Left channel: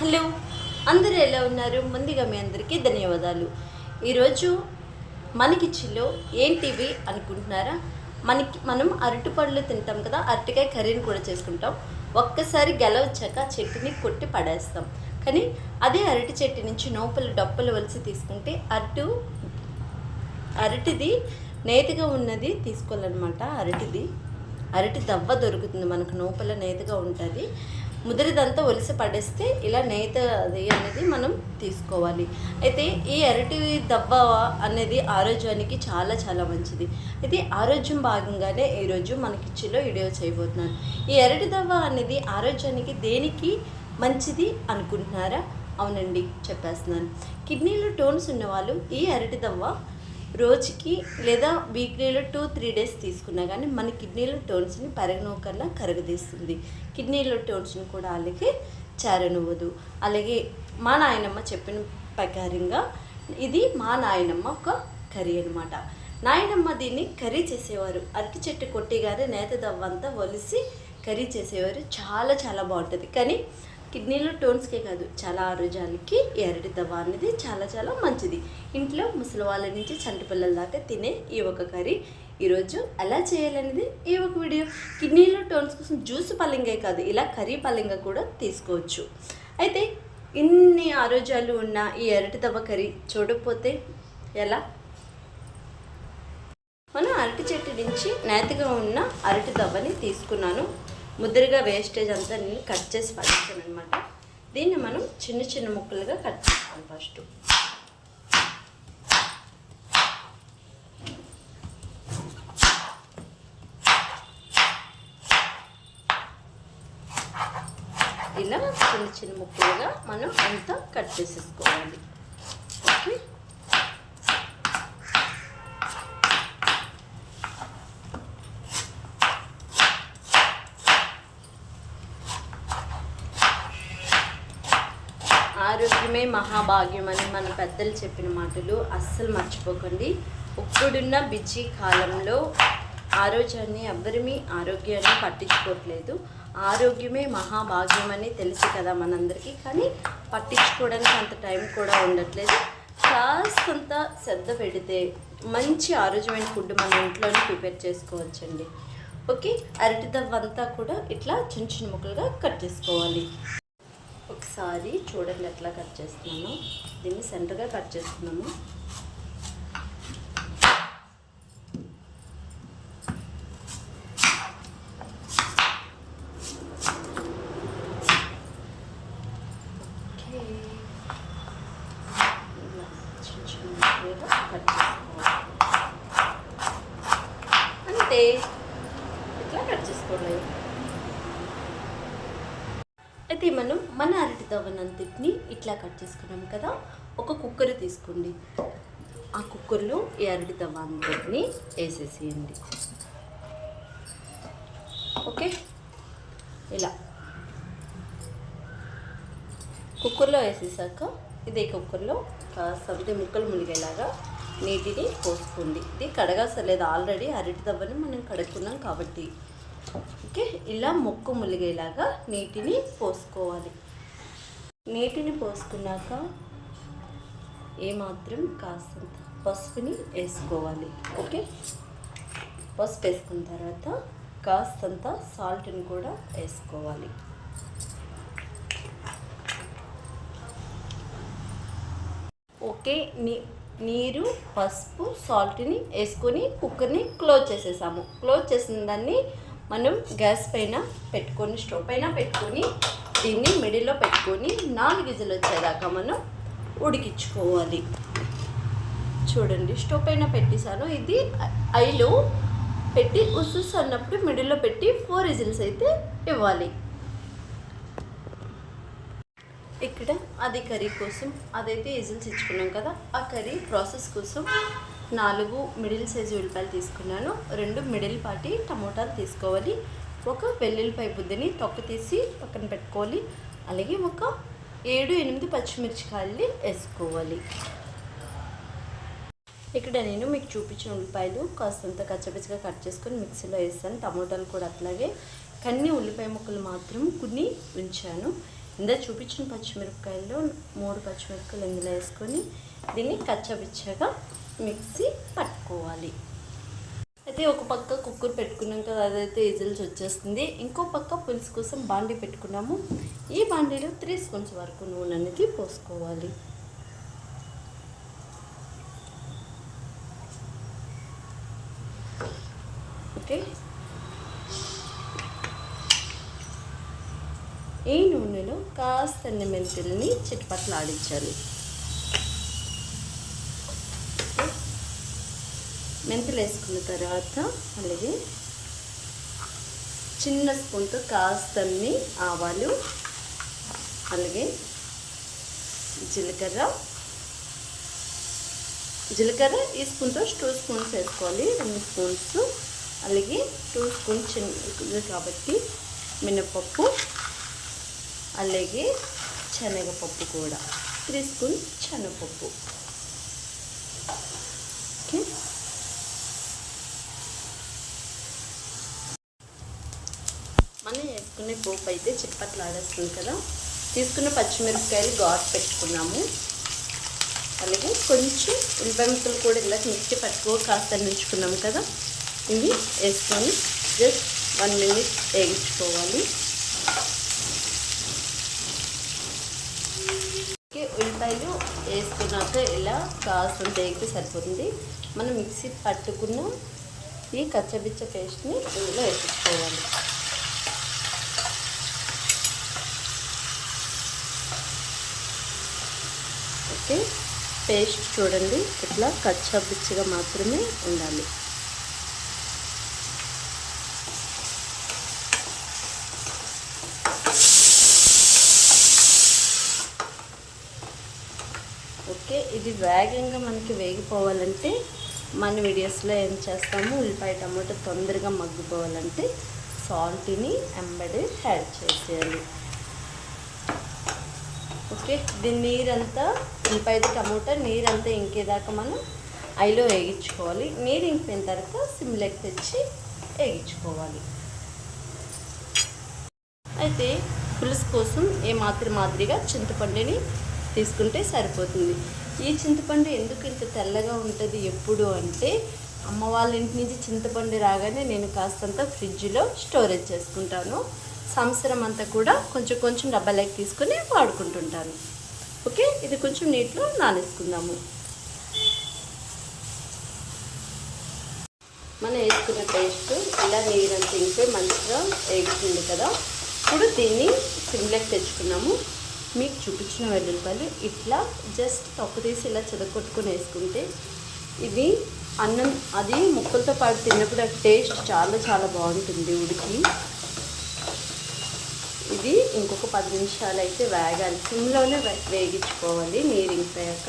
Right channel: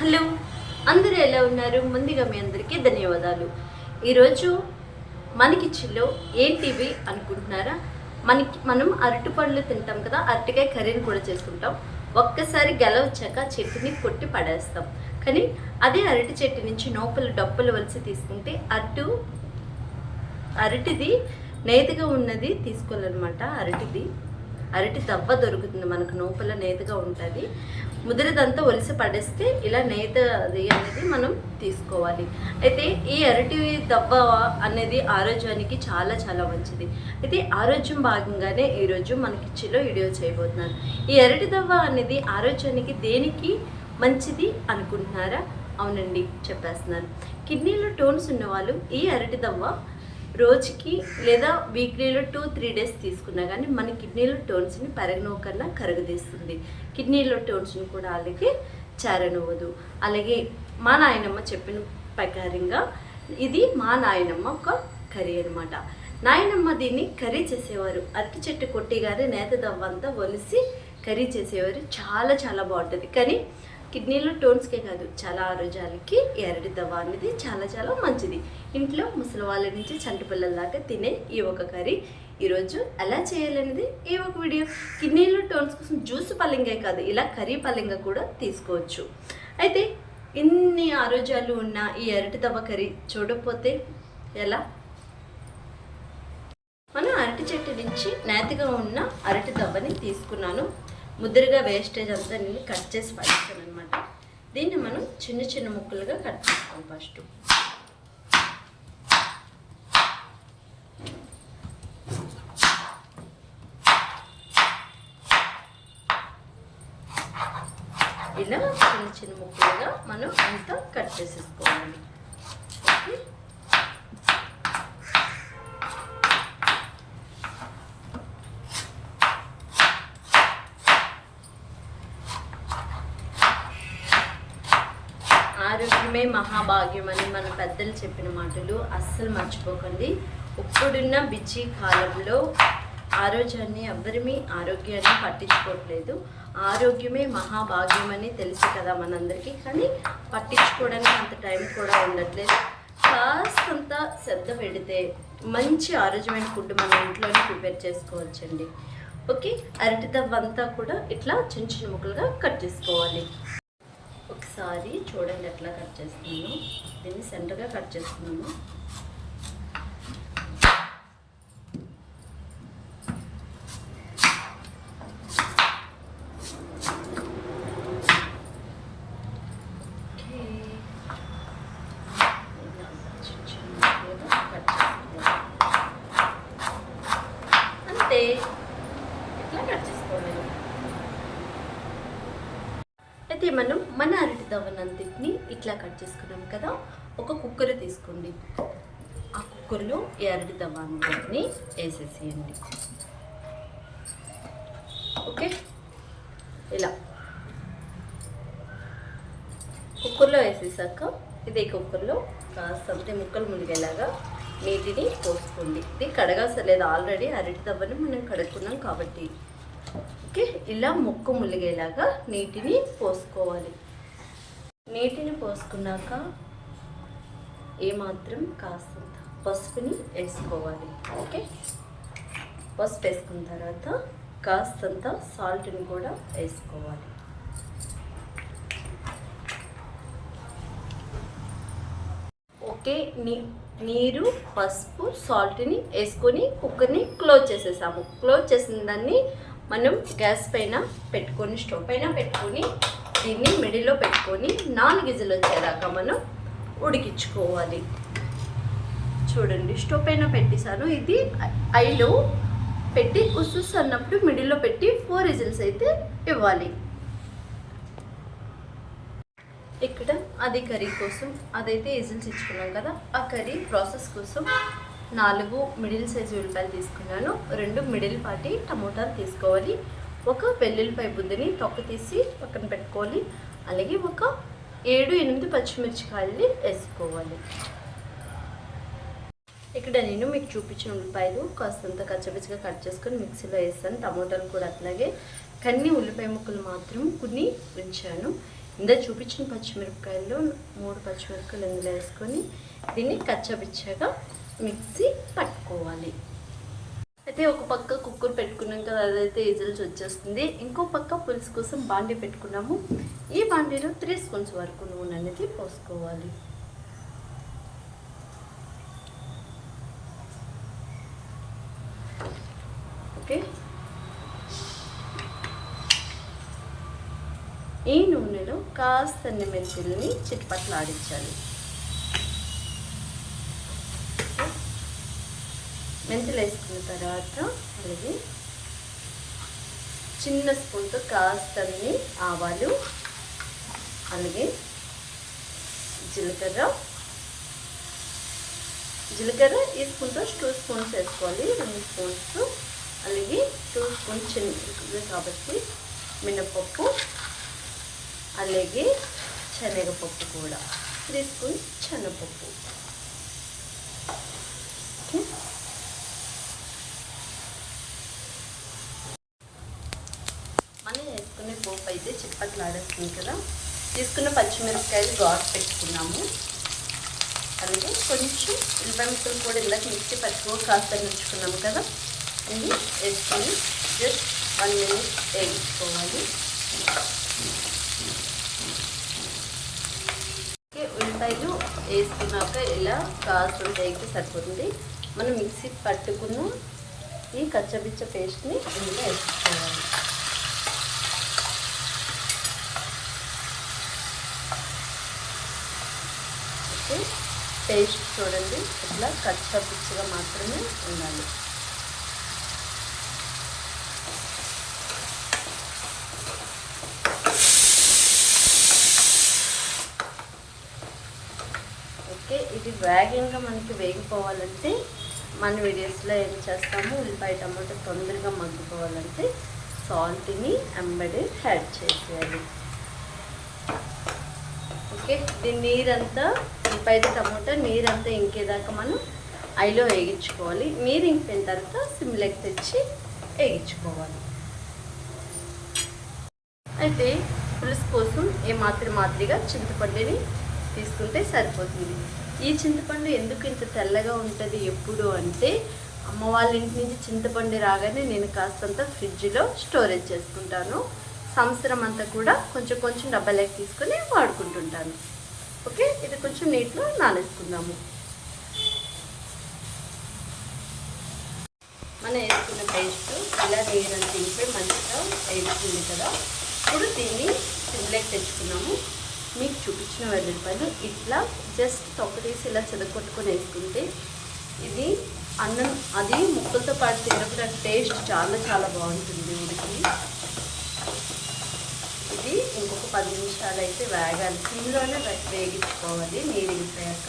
Hello, అందరూ ఎలా ఉన్నారు? ముందుగా మీ అందరికీ ధన్యవాదాలు. ఈరోజు మనకిచ్చిలో ఏంటివి అనుకుంటున్నారా? మనం అరటిపళ్ళు తింటాం కదా, అరటికాయ కర్రీని కూడా చేసుకుంటాం. ఒక్కసారి గెలవచ్చాక చెట్టుని కొట్టి పడేస్తాం. కానీ అదే అరటి చెట్టు నుంచి నోపలు డప్పులు వలిసి తీసుకుంటే అరటిది నేతిగా ఉన్నది తీసుకోవాలన్నమాట. అరటి దవ్వ దొరుకుతుంది మనకు, నోపల నేతగా ఉంటుంది. ముదిరిదంతా ఒలిసి పడేస్తే ఇలా నేత అది అనేది మనం తీసుకోవాలి. అయితే ఈ అరటి దవ్వ అనేది ఆరోగ్యానికి చాలా చాలా మంచిది. అయితే ఆరోగ్యం భాగంగానే ఈరోజు మనకిచ్చిలో వీడియో చేయబోతున్నాను. ఈ అరటి దవ్వ అనేది ఆరోగ్యానికి దేనికి మంచిది అనుకుంటున్నారా? అవునండి, చెప్పేస్తున్నాను. కిడ్నీలో టోన్స్ ఉన్నవాళ్ళు ఈ అరటి దవ్వ రోజుకి లేదా వీక్లీలో 2-3 డేస్ తీసుకున్నా కానీ మన కిడ్నీలో టోన్స్ని కన్నా కరగదీస్తుంది. కిడ్నీలో టోన్స్ని కూడా అలాగే చేరనివ్వదు. అలాగే మా నాయనమ్మ చెప్పిన ప్రకారంగా ఇది మా నాయనమ్మ ఒక కర్రీ అనమాట. నాయనమ్మ దీన్ని కర్రీ చేసేవారు. అరటి చెట్టు కొట్టిగానే నేత దవ్వంతా ఒలిసి కర్రీ చేసేవారు. చాలా చాలా బాగుంటుంది. కానీ కిడ్నీలో టోన్స్కే కాదు, చాలా ఆరోగ్యాలకి ఈ అరటి దవ్వ అనేది చాలా చాలా మంచిది. ఇంట్లో ముసలి వాళ్ళ నుంచి చంటి పిల్లల దాకా తినే ఈ ఒక కర్రీ ఈరోజు ఎలా చేయాలనేది ఈ ఒక వీడియో. కిడ్నీలో టోన్స్ కోసం జ్యూస్ పల్లింగే కాదు, ఇలా కర్రీ పల్లింగ కూడా తీసుకోవచ్చు. అయితే ఇన్ని ఆరోగ్యాలు ఉన్న ఈ అరటి దవ్వ కర్రీ చూడకపోతే ఎలా? మనం అరటి చెట్టు నుంచి నేతిగా ఉన్న అరటి దవ్వని తీసుకున్నాను. ముద్రగా వేస్టేజ్ అంతా నేను కట్ చేసి పడేసాను అనమాట. దీన్ని మనం చిన్న చిన్న ముక్కలుగా కట్ చేసుకోవాలి. ఫస్ట్ ఇలా చిన్న చిన్న ముక్కలుగా మనం అంతా కట్ చేసేసుకోవాలి. ఓకే, ఆరోగ్యమే మహాభాగ్యం అని మన పెద్దలు చెప్పిన మాటలు అస్సలు మర్చిపోకండి. ఇప్పుడున్న బిజీ కాలంలో ఆరోగ్యాన్ని పట్టించుకోవట్లేదు. ఆరోగ్యమే మహాభాగ్యం అని తెలుసు కదా మనందరికీ, కానీ పట్టించుకోవడానికి అంత టైం కూడా ఉండట్లేదు. కాస్తంత శ్రద్ధ పెడితే మంచి ఆరోగ్యమైన ఫుడ్ మన ఇంట్లోనే ప్రిపేర్ చేసుకోవచ్చండి. ఓకే, అరటి దవ్వంతా కూడా ఇట్లా చిన్న చిన్న ముక్కలుగా కట్ చేసుకోవాలి. ఒకసారి చూడండి ఎట్లా కట్ చేస్తున్నాను. దీన్ని సెంటర్గా కట్ చేస్తున్నాను. అంతే, ఇట్లా కట్ చేసుకోవాలి. అయితే మనం మన అరటి దవ్వనంతటిని ఇట్లా కట్ చేసుకున్నాం కదా. ఒక కుక్కర్ తీసుకోండి. ఆ కుక్కర్లో ఈ అరటి దవ్వని వేసేసేయండి. ఓకే, ఇలా కుక్కర్లో వేసేసాక ఇదే కుక్కర్లో కాస్తంత ముక్కలు మునిగేలాగా నీటిని పోసుకోండి. ఇది కడగాసలేదు, ఆల్రెడీ అరటి దవ్వని మనం కడుగుతున్నాం కాబట్టి. ఓకే, ఇలా ముక్కు ములిగేలాగా నీటిని పోసుకోవాలి. నీటిని పోసుకున్నాక ఏమాత్రం కాస్తంత పసుపుని వేసుకోవాలి. ఓకే, పసుపు వేసుకున్న తర్వాత కాస్తంత సాల్ట్ని కూడా వేసుకోవాలి. ఓకే, నీరు, పసుపు, సాల్ట్ని వేసుకొని కుక్కర్ని క్లోజ్ చేసేసాము. క్లోజ్ చేసిన దాన్ని మనం గ్యాస్ పైన పెట్టుకొని, స్టవ్ పైన పెట్టుకొని దీన్ని మిడిల్లో పెట్టుకొని 4 విజిల్ వచ్చేదాకా మనం ఉడికించుకోవాలి. చూడండి, స్టవ్ పైన పెట్టేసాను. ఇది ఐలో పెట్టి ఉసుస్ అన్నప్పుడు మిడిల్లో పెట్టి 4 విజిల్స్ అయితే ఇవ్వాలి. ఇక్కడ అది కర్రీ కోసం అదైతే విజిల్స్ ఇచ్చుకున్నాం కదా, ఆ కర్రీ ప్రాసెస్ కోసం 4 మిడిల్ సైజు ఉల్లిపాయలు తీసుకున్నాను. 2 మిడిల్ పాటి టమోటాలు తీసుకోవాలి. ఒక వెల్లుల్లిపాయ బుద్ధిని తొక్క తీసి పక్కన పెట్టుకోవాలి. అలాగే ఒక 7-8 పచ్చిమిరపకాయలు వేసుకోవాలి. ఇక్కడ నేను మీకు చూపించిన ఉల్లిపాయలు కాస్తంత కచ్చపిచ్చగా కట్ చేసుకొని మిక్సీలో వేస్తాను. టమోటాలు కూడా అట్లాగే, కొన్ని ఉల్లిపాయ ముక్కలు మాత్రం కొన్ని ఉంచాను. ఇందులో చూపించిన పచ్చిమిరపకాయల్లో 3 పచ్చిమిరపకాయలు ఇందులో వేసుకొని దీన్ని కచ్చబిచ్చగా మిక్సీ పట్టుకోవాలి. అయితే ఒక పక్క కుక్కర్ పెట్టుకున్నాం కదా, అదైతే విజిల్స్ వచ్చేస్తుంది. ఇంకో పక్క పులుసు కోసం బాండీ పెట్టుకున్నాము. ఈ బాండీలో 3 స్పూన్స్ వరకు నూనె అనేది పోసుకోవాలి. ఓకే, ఈ నూనెలో కాస్త మెంతుల్ని చిటపట్లాడించాలి. మెంతులు వేసుకున్న తర్వాత అలాగే చిన్న స్పూన్తో కాస్తన్ని ఆవాలు, అలాగే జీలకర్ర ఈ స్పూన్తో 2 స్పూన్స్ వేసుకోవాలి, 2 స్పూన్స్. అలాగే 2 స్పూన్స్ చిన్న కాబట్టి మినపప్పు, అలాగే శనగపప్పు కూడా 3 స్పూన్స్ శనగపప్పు. ఓకే, మనం వేసుకునే పోపు అయితే చిట్టపట్లాడేస్తుంది కదా. తీసుకున్న పచ్చిమిరపకాయలు ఘాటు పెట్టుకున్నాము. అలాగే కొంచెం ఉల్లిపాయ ముక్కలు కూడా ఇలా మిక్సీ పట్టుకో కాస్త నుంచుకున్నాం కదా, ఇవి వేసుకొని జస్ట్ 1 మినిట్ వేయించుకోవాలి. ఉల్లిపాయలు వేసుకున్నాక ఇలా కాస్త వేగితే సరిపోతుంది. మనం మిక్సీ పట్టుకున్న ఈ కచ్చబిచ్చ పేస్ట్ని ఇందులో వేసుకోవాలి. ఓకే, పేస్ట్ చూడండి ఇట్లా కచ్చబిచ్చగా మాత్రమే ఉండాలి. ఓకే, ఇది వేగంగా మనకి వేగిపోవాలంటే మన వీడియోస్లో ఏం చేస్తాము, ఉల్లిపాయ టమాటా తొందరగా మగ్గిపోవాలంటే సాల్ట్ని ఎంబడే యాడ్ చేసేయాలి. ఓకే, దీని నీరంతా ఉల్లిపాయ టమాటా నీరంతా ఇంకేదాకా మనం ఐలో వేగించుకోవాలి. నీరు ఇంకిన తర్వాత సిమ్లోకి తెచ్చి వేగించుకోవాలి. అయితే పులుసు కోసం మాదిరిగా చింతపండుని తీసుకుంటే సరిపోతుంది. ఈ చింతపండు ఎందుకు ఇంత తెల్లగా ఉంటుంది ఎప్పుడు అంటే, అమ్మ వాళ్ళ ఇంటి నుంచి చింతపండు రాగానే నేను కాస్తంత ఫ్రిడ్జ్లో స్టోరేజ్ చేసుకుంటాను. సంవత్సరం అంతా కూడా కొంచెం డబ్బాలోకి తీసుకొని వాడుకుంటుంటాను. ఓకే, ఇది కొంచెం నీటిలో నానేసుకుందాము. మనం వేసుకున్న పేస్ట్ ఇలా నీరంతా ఇంకిపోయి మంచిగా వేగుతుంది కదా. ఇప్పుడు దీన్ని సిమ్లోకి తెచ్చుకున్నాము. మీకు చూపించిన వెల్లుల్లిపాయలు ఇట్లా జస్ట్ తొక్క తీసి ఇలా చెదకొట్టుకొని వేసుకుంటే ఇది అన్నం అది ముక్కలతో పాటు తిన్నప్పుడు టేస్ట్ చాలా బాగుంటుంది. ఇది ఇంకొక 10 నిమిషాలు అయితే వేగాలి, సిమ్లోనే వేగించుకోవాలి. నీరు ఇంకిపోయాక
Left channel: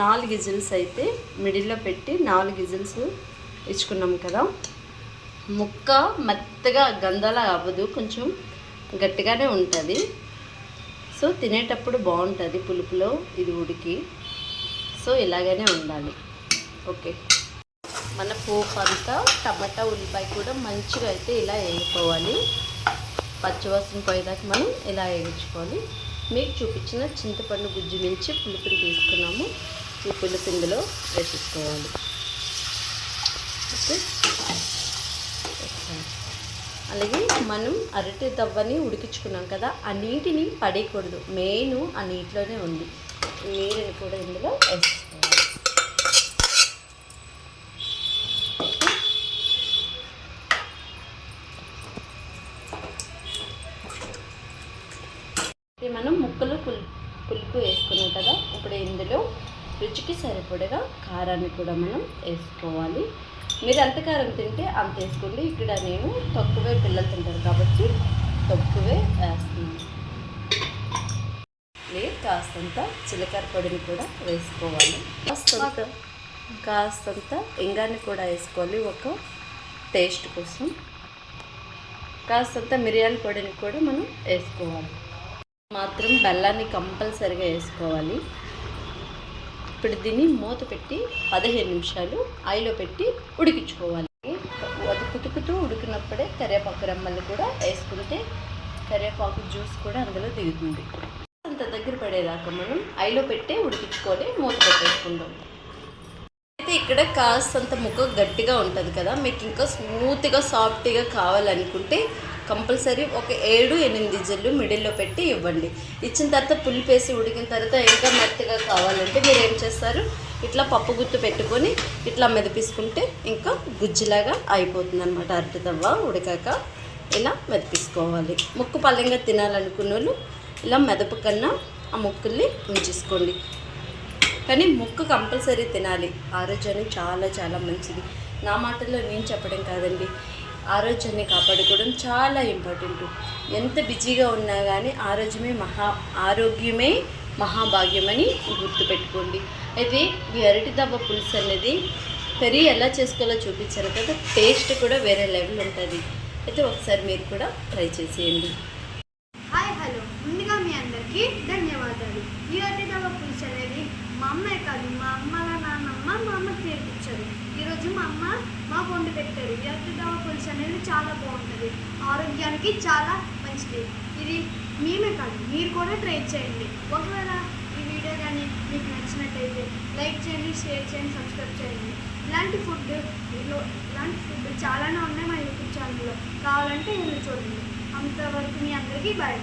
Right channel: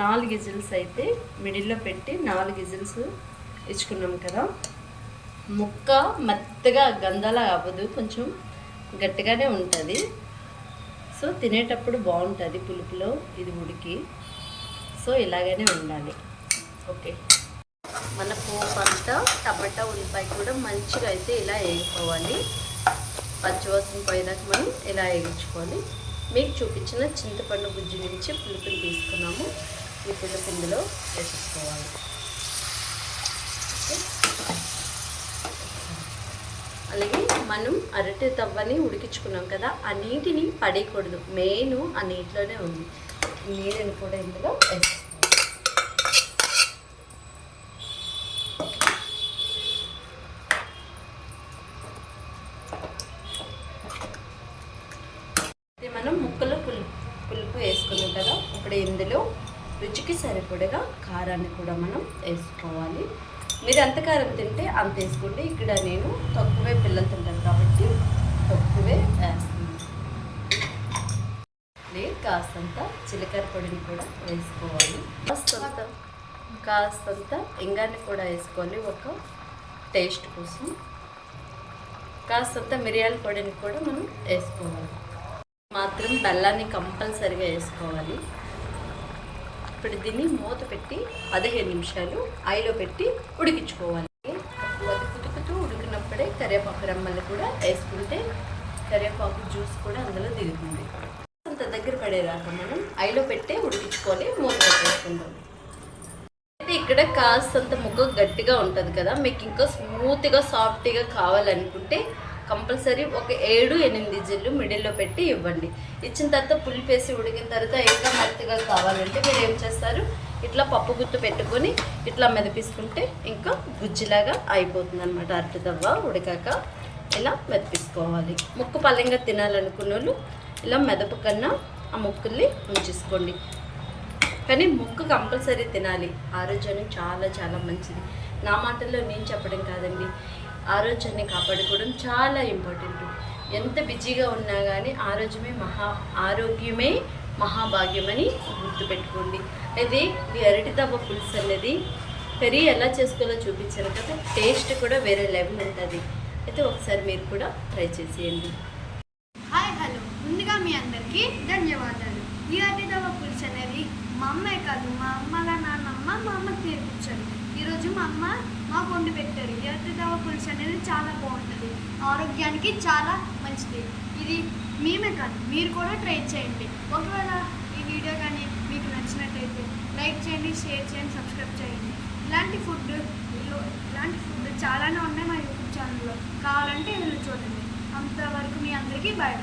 4 విజిల్స్ అయితే మిడిల్లో పెట్టి 4 విజిల్స్ ఇచ్చుకున్నాం కదా. ముక్క మెత్తగా గంధాలా అవ్వదు, కొంచెం గట్టిగానే ఉంటుంది. సో తినేటప్పుడు బాగుంటుంది పులుపులో ఇది ఉడికి. సో ఇలాగనే ఉండాలి. ఓకే, మన పోపు అంతా టమాటా ఉల్లిపాయ కూడా మంచిగా అయితే ఇలా వేసుకోవాలి. పచ్చివాసన పోయేదాకా మనం ఇలా వేయించుకోవాలి. మీకు చూపించిన చింతపండు గుజ్జు నుంచి పులుపుని తీసుకున్నాము. ఈ పులుపు ఇందులో వేసేసుకోవాలి. ఓకే, అలాగే మనం అరటి తవ్వని ఉడికించుకున్నాం కదా, ఆ నీటిని పడేయకూడదు. మెయిన్ ఆ నీటిలోనే ఉంది. నీరుని కూడా ఇందులో వేసుకోవాలి. మనం ముక్కలు పులుపు వేసుకున్నాం కదా. ఇప్పుడు ఇందులో రుచికి సరిపడగా కారాన్ని కూడా మనం వేసుకోవాలి. మీరు ఎంత కారం తింటే అంత వేసుకోండి. ఇక్కడ నేను తక్కువే పిల్లలు తింటాను కాబట్టి తక్కువే వేస్తున్నాను. కాస్తంత జీలకర్ర పొడిని కూడా వేసుకోవాలి. కాస్తంత ఇంగాన్ని కూడా వేసుకోవాలి ఒక టేస్ట్ కోసం. కాస్తంత మిరియాల పొడిని కూడా మనం వేసుకోవాలి. మాత్రం బెల్లాన్ని కంపల్సరిగా వేసుకోవాలి. ఇప్పుడు దీన్ని మూత పెట్టి 15 నిమిషాలు ఆయిల్లో పెట్టి ఉడికించుకోవాలి. అది కుతుకుతూ ఉడికినప్పుడే కరివేపాకు రెమ్మలు కూడా వేసుకుంటే కరివేపాకు జ్యూస్ కూడా అందులో దిగుతుంది. అంత దగ్గర పడేదాకా మనం ఐలో పెట్టి ఉడికించుకొని మూత పెట్టేసుకుందాం. అయితే ఇక్కడ కాస్తంత ముక్క గట్టిగా ఉంటుంది కదా, మీకు ఇంకా స్మూత్గా సాఫ్ట్గా కావాలనుకుంటే కంపల్సరీ ఒక 7-8 విజిల్లు మిడిల్లో పెట్టి ఇవ్వండి. ఇచ్చిన తర్వాత పులిపేసి ఉడికిన తర్వాత ఇంకా మెత్తగా కావాలంటే మీరు ఏం చేస్తారు, ఇట్లా పప్పు గుత్తు పెట్టుకొని ఇట్లా మెదిపించుకుంటే ఇంకా గుజ్జులాగా అయిపోతుంది అనమాట. అరటి తవ్వ ఉడికాక ఇలా మెదిపించుకోవాలి. ముక్కు పల్లెంగా తినాలనుకున్న వాళ్ళు ఇలా మెదపు కన్నా ఆ ముక్కుల్ని ఉంచేసుకోండి. కానీ ముక్కు కంపల్సరీ తినాలి, ఆరోగ్యానికి చాలా చాలా మంచిది. నా మాటల్లో నేను చెప్పడం కాదండి, ఆరోగ్యాన్ని కాపాడుకోవడం చాలా ఇంపార్టెంట్. ఎంత బిజీగా ఉన్నా కానీ ఆరోగ్యమే మహాభాగ్యమని గుర్తుపెట్టుకోండి. అయితే ఈ అరటి దవ్వ పులుసు అనేది కర్రీ ఎలా చేసుకోవాలో చూపించారు కదా, టేస్ట్ కూడా వేరే లెవెల్ ఉంటుంది. అయితే ఒకసారి మీరు కూడా ట్రై చేసేయండి. హాయ్ హలో, ముందుగా మీ అందరికీ ధన్యవాదాలు. ఈ అరటి దవ్వ పులుసు అనేది మా అమ్మే కాదు, మా అమ్మల నాన్నమ్మ మా అమ్మకి నేర్పించారు. ఈరోజు మా అమ్మ మాకు వండి పెట్టారు. ఈ అరటి దవ్వ పులుసు అనేది చాలా బాగుంటుంది, ఆరోగ్యానికి చాలా మంచిది. ఇది మేమే కాదు, మీరు కూడా ట్రై చేయండి. ఒకవేళ ఈ వీడియో కానీ మీకు నచ్చినట్టయితే లైక్ చేయండి, షేర్ చేయండి, సబ్స్క్రైబ్ చేయండి. ఇలాంటి ఫుడ్ చాలానే ఉన్నాయి మా యూట్యూబ్ ఛానల్లో, కావాలంటే వెళ్ళి చూడండి. అంతవరకు మీ అందరికీ బాయ్.